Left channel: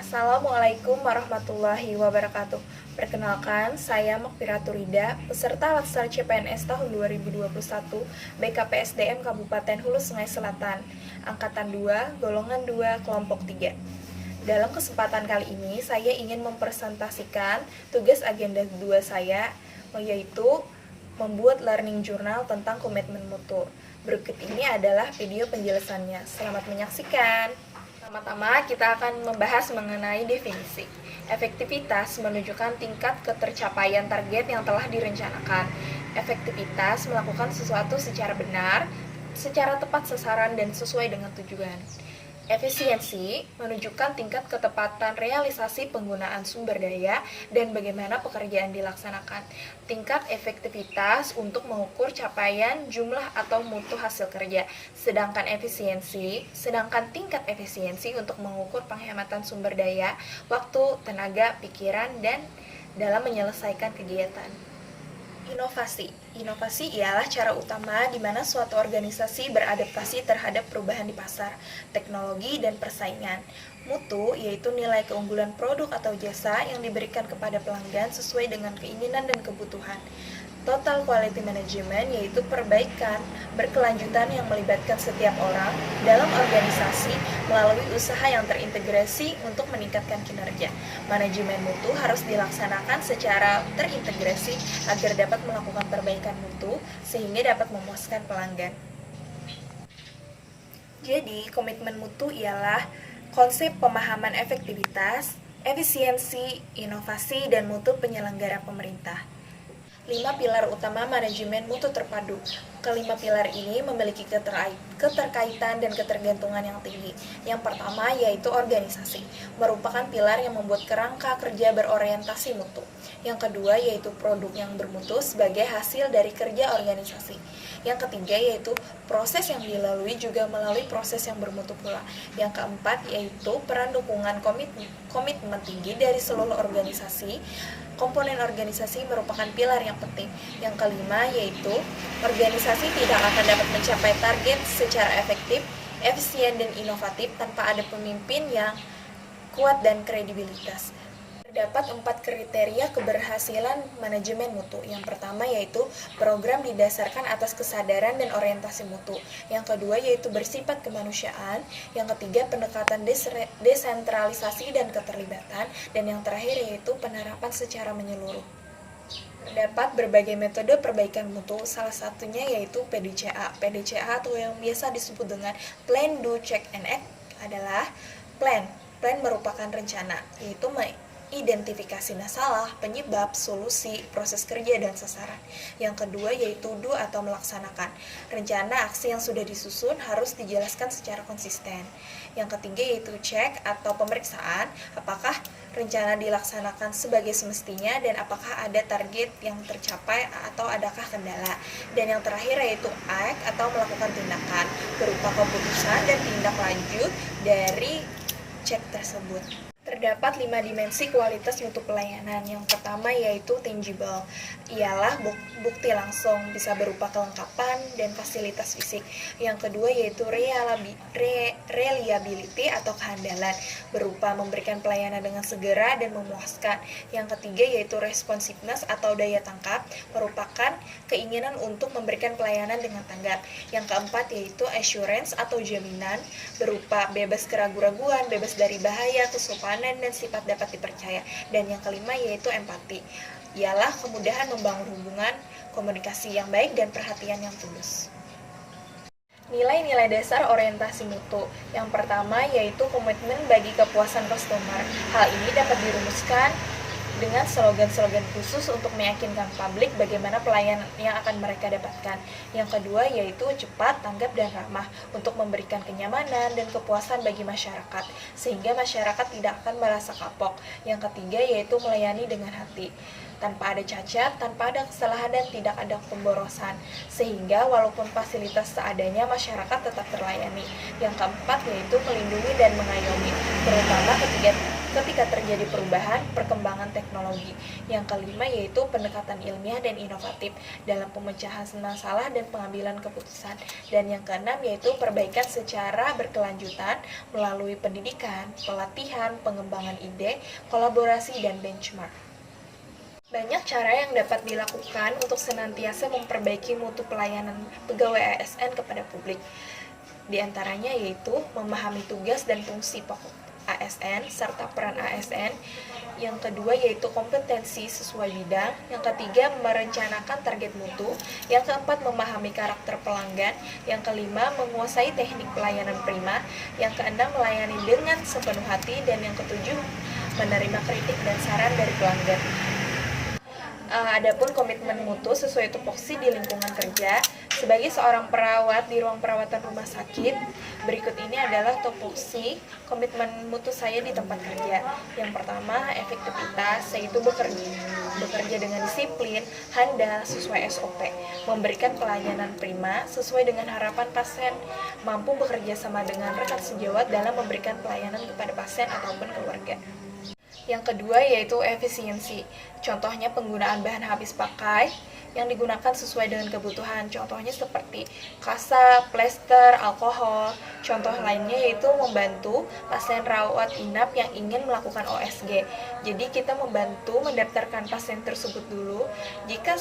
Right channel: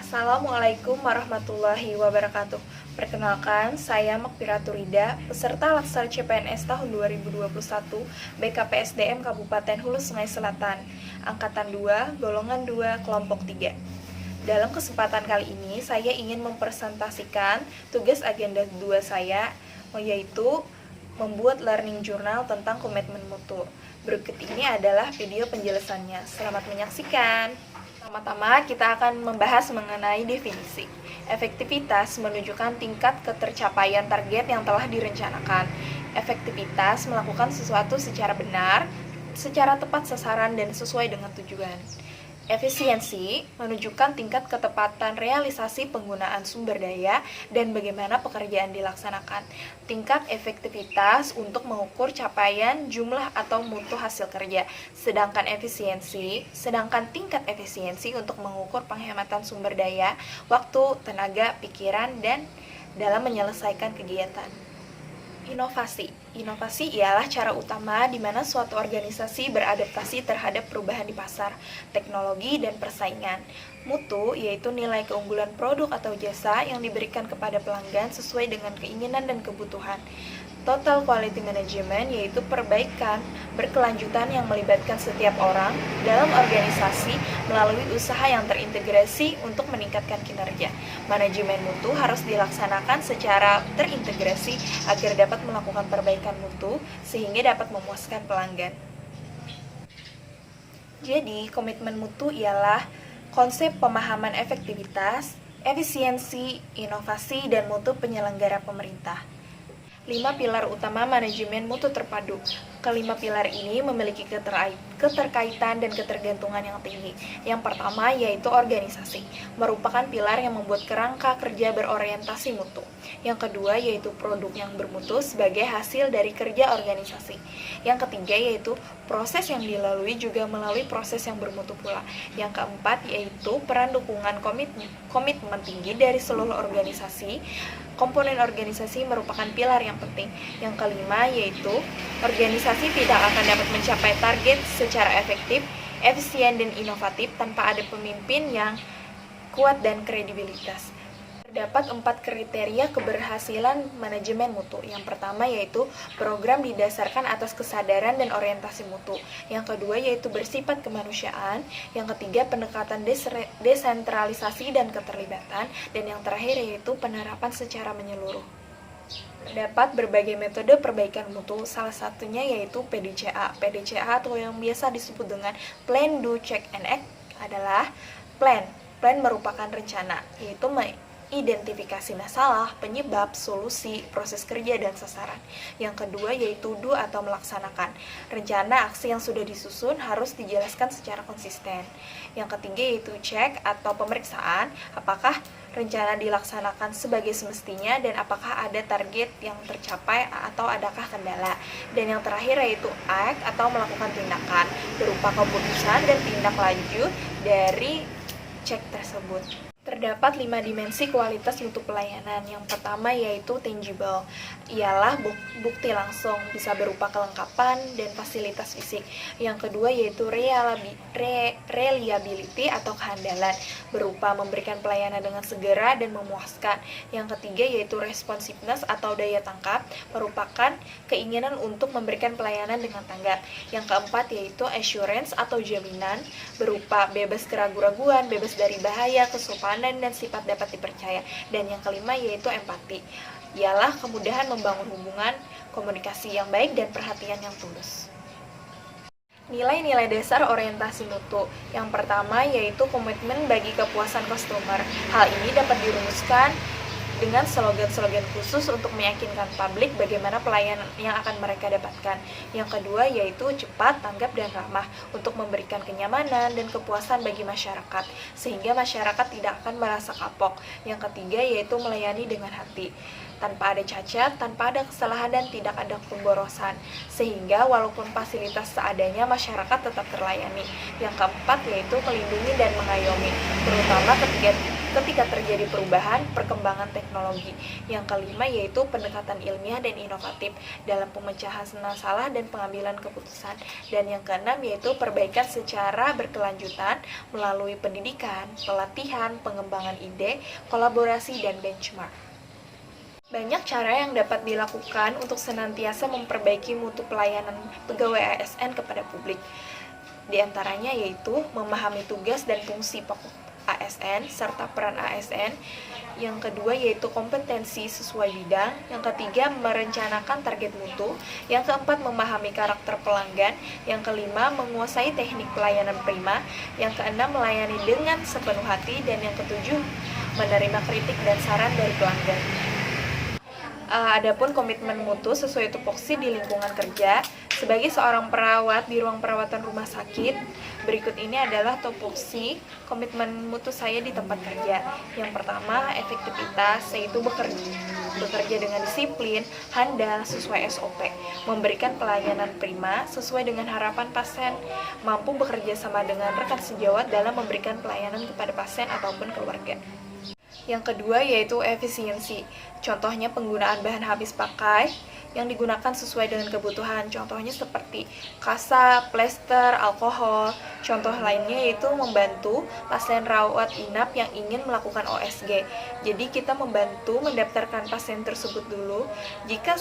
Assalamualaikum warahmatullahi wabarakatuh. Perkenalkan, saya Makfiratur Rida, peserta Laksar CPNS tahun 2021 BKPSDM Kabupaten Hulu Sungai Selatan, Angkatan 2, Golongan 2, Kelompok 3. Dalam kesempatan kali ini, saya ingin mempresentasikan tugas agenda 2 saya, yaitu membuat learning journal tentang komitmen mutu. Berikut ini adalah video penjelasannya. Selamat menyaksikan. Pertama-tama kita akan membahas mengenai definisi. Efektivitas menunjukkan tingkat ketercapaian target yang telah direncanakan. Efektivitas melakukan sesuatu secara benar, secara tepat sasaran dan sesuai dengan tujuan. Efisiensi menunjukkan tingkat ketepatan realisasi penggunaan sumber daya dan bagaimana pekerjaan dilaksanakan. Tingkat efektivitas untuk mengukur capaian jumlah atau mutu hasil kerja. Sedangkan tingkat efisiensi untuk mengukur penghematan sumber daya, waktu, tenaga, pikiran, dan dalam menyelesaikan kegiatan. Inovasi ialah cara utama di mana suatu organisasi beradaptasi terhadap perubahan di pasar, teknologi, dan persaingan. Mutu yaitu nilai keunggulan produk atau jasa yang diberikan kepada pelanggan sesuai dengan keinginan dan kebutuhan. Total Quality Management yaitu perbaikan berkelanjutan yang melibatkan setiap orang dalam organisasi melalui usaha yang terintegrasi untuk meningkatkan kinerja. Manajemen mutu harus dilaksanakan secara terintegrasi agar dapat melakukan perbaikan mutu sehingga dapat memuaskan pelanggan. Jadi, komitmen mutu ialah konsep pemahaman efektivitas, efisiensi, inovasi, dan mutu penyelenggara pemerintah. 5 pilar utama manajemen mutu terpadu. Kelima pilar ini memiliki keterkaitan dan ketergantungan yang tinggi. Yang pertama yaitu organisasi, merupakan pilar yang membuat kerangka kerja berorientasi mutu. Yang kedua yaitu produk yang bermutu sebagai hasil dari kerja organisasi. Yang ketiga yaitu proses yang dilalui juga melalui proses yang bermutu pula. Yang keempat yaitu peran dukungan komitmen tinggi dari seluruh organisasi. Komponen organisasi merupakan pilar yang penting. Yang kelima yaitu organisasi tidak akan dapat mencapai target secara efektif, efisien, dan inovatif tanpa ada pemimpin yang kuat dan kredibilitas. Terdapat 4 kriteria keberhasilan manajemen mutu. Yang pertama yaitu program didasarkan atas kesadaran dan orientasi mutu. Yang kedua yaitu bersifat kemanusiaan. Yang ketiga pendekatan desentralisasi dan keterlibatan. Dan yang terakhir yaitu penerapan secara menyeluruh. Terdapat berbagai metode perbaikan mutu, salah satunya yaitu PDCA. PDCA atau yang biasa disebut dengan Plan, Do, Check, and Act adalah plan. Plan merupakan rencana, yaitu identifikasi masalah, penyebab, solusi, proses kerja, dan sasaran. Yang kedua yaitu do atau melaksanakan. Rencana aksi yang sudah disusun harus dijelaskan secara konsisten. Yang ketiga yaitu check atau pemeriksaan, apakah rencana dilaksanakan sebagai semestinya dan apakah ada target yang tercapai atau adakah kendala. Dan yang terakhir yaitu act atau melakukan tindakan, berupa keputusan dan tindak lanjut dari cek tersebut. Terdapat 5 dimensi kualitas mutu pelayanan. Yang pertama yaitu tangible, ialah bukti langsung, bisa berupa kelengkapan dan fasilitas fisik. Yang kedua yaitu reliability atau kehandalan, berupa memberikan pelayanan dengan segera dan memuaskan. Yang ketiga yaitu responsiveness atau daya tangkap, merupakan keinginan untuk memberikan pelayanan dengan tanggap. Yang keempat yaitu assurance atau jaminan, berupa bebas keraguan-raguan, bebas dari bahaya, kesopanan, dan sifat dapat dipercaya. Dan yang kelima yaitu empati, ialah kemudahan membangun hubungan, komunikasi yang baik, dan perhatian yang tulus. Nilai-nilai dasar orientasi mutu. Yang pertama yaitu komitmen bagi kepuasan customer. Hal ini dapat dirumuskan dengan slogan-slogan khusus untuk meyakinkan publik bagaimana pelayanan yang akan mereka dapatkan. Yang kedua yaitu cepat, tanggap, dan ramah untuk memberikan kenyamanan dan kepuasan bagi masyarakat, sehingga masyarakat tidak akan merasa kapok. Yang ketiga yaitu melayani dengan hati, tanpa ada cacat, tanpa ada kesalahan, dan tidak ada pemborosan, sehingga walaupun fasilitas seadanya masyarakat tetap terlayani. Yang keempat yaitu melindungi dan mengayomi, terutama ketika terjadi perubahan perkembangan teknologi. Yang kelima yaitu pendekatan ilmiah dan inovatif dalam pemecahan masalah dan pengambilan keputusan. Dan yang keenam yaitu perbaikan secara berkelanjutan melalui pendidikan, pelatihan, pengembangan ide, kolaborasi, dan benchmark. Banyak cara yang dapat dilakukan untuk senantiasa memperbaiki mutu pelayanan pegawai ASN kepada publik. Di antaranya yaitu memahami tugas dan fungsi pokok ASN serta peran ASN. Yang kedua yaitu kompetensi sesuai bidang. Yang ketiga merencanakan target mutu. Yang keempat memahami karakter pelanggan. Yang kelima menguasai teknik pelayanan prima. Yang keenam melayani dengan sepenuh hati. Dan yang ketujuh menerima kritik dan saran dari pelanggan. Adapun komitmen mutu sesuai tupoksi di lingkungan kerja. Sebagai seorang perawat di ruang perawatan rumah sakit, berikut ini adalah tupoksi komitmen mutu saya di tempat kerja. Yang pertama, efektivitas, yaitu bekerja dengan disiplin, handal, sesuai SOP, memberikan pelayanan prima sesuai dengan harapan pasien, mampu bekerja sama dengan rekan sejawat dalam memberikan pelayanan kepada pasien ataupun keluarga. Yang kedua yaitu efisiensi. Contohnya penggunaan bahan habis pakai yang digunakan sesuai dengan kebutuhan. Contohnya seperti kasa, plester, alkohol. Contoh lainnya yaitu membantu pasien rawat inap yang ingin melakukan OSG. Jadi kita membantu mendaftarkan pasien tersebut dulu. Jika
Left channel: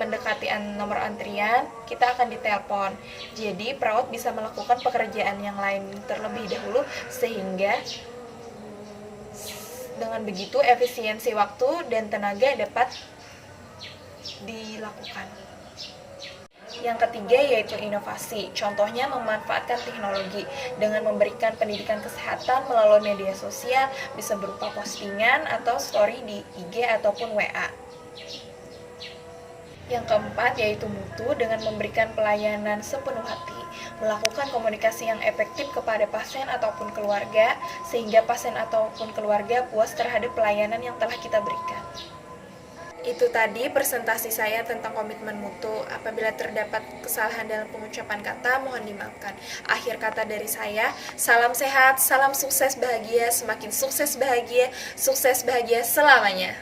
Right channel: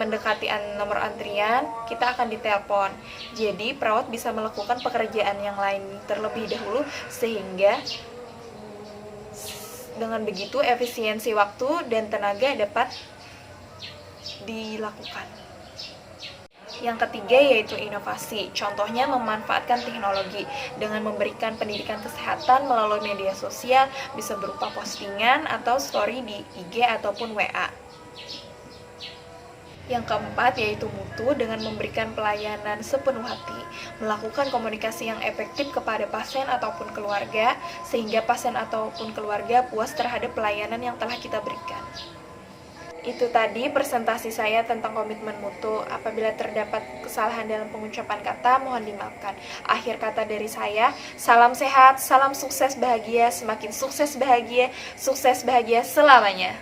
mendekati nomor antrian, kita akan ditelepon. Jadi perawat bisa melakukan pekerjaan yang lain terlebih dahulu sehingga dengan begitu efisiensi waktu dan tenaga dapat dilakukan. Yang ketiga yaitu inovasi. Contohnya memanfaatkan teknologi dengan memberikan pendidikan kesehatan melalui media sosial, bisa berupa postingan atau story di IG ataupun WA. Yang keempat yaitu mutu dengan memberikan pelayanan sepenuh hati, melakukan komunikasi yang efektif kepada pasien ataupun keluarga, sehingga pasien ataupun keluarga puas terhadap pelayanan yang telah kita berikan. Itu tadi presentasi saya tentang komitmen mutu. Apabila terdapat kesalahan dalam pengucapan kata, mohon dimaafkan. Akhir kata dari saya, salam sehat, salam sukses bahagia, semakin sukses bahagia selamanya.